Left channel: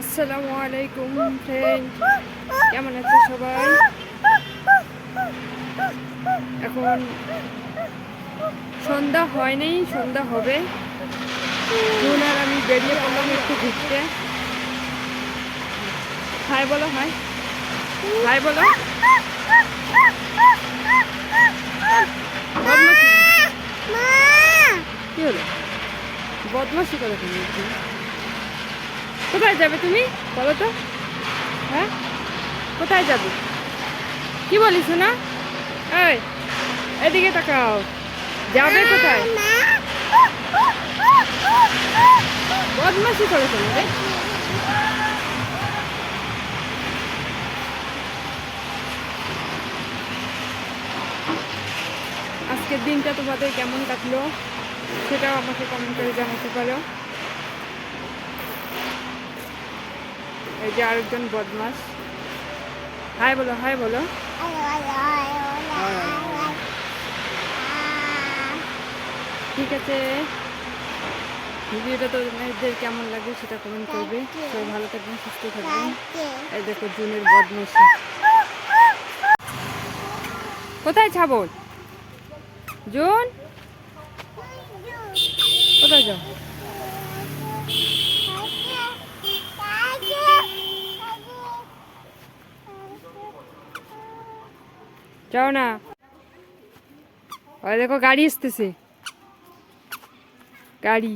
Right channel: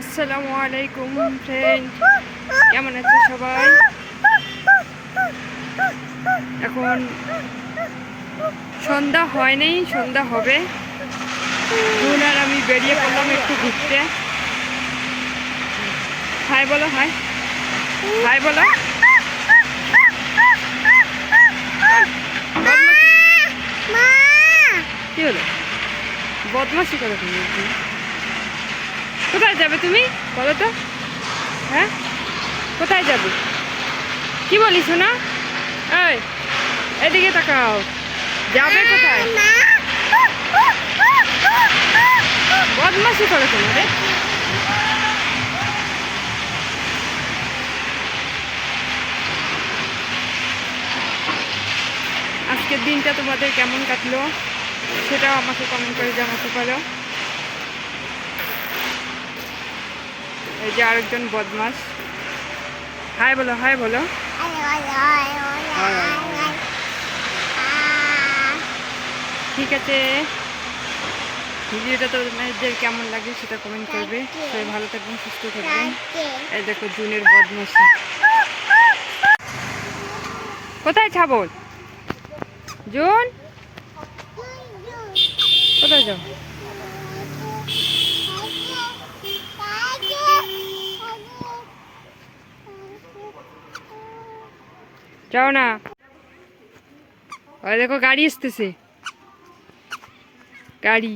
আসসালামু আলাইকুম ফ্রেন্ড, কেমন আছে সবাই? এখন সন্ধ্যা হয় নাই, সন্ধ্যা হবে। জুন আর আমি বেরিয়ে পড়লাম একটু ঘুরতে। হাই বলো, হাই হাই বলো। বদমাশি কি হলো? বদমাশি করে তুমি। কোথায় যাবে তুমি বলো তো? হ্যাঁ, কোথায় যাবে? কি বলিস না? এই, এদিকে তাকাও। যাবে কোথায়? বদমাশি করে কেন রে? আজকের দিনটা তোমাদের কেমন কাটলো সেটাও আমাকে কমেন্ট করে জানাতে পারো। এই যে আরেকজন বদমাস। হাই বলো, হাই বলো। ঠিক আছে, ভিডিওটা তোমাদের কেমন লাগে সেটা কমেন্ট করবে। সবাই ভালো থাকবেন, সুস্থ থাকবেন। এই দেখো জুনের বদমাসি। কোথায় ছাবল? জুন কোথায় যাও? যাও না। ওই দেখো গাড়ি আসতেছে, গাড়ি।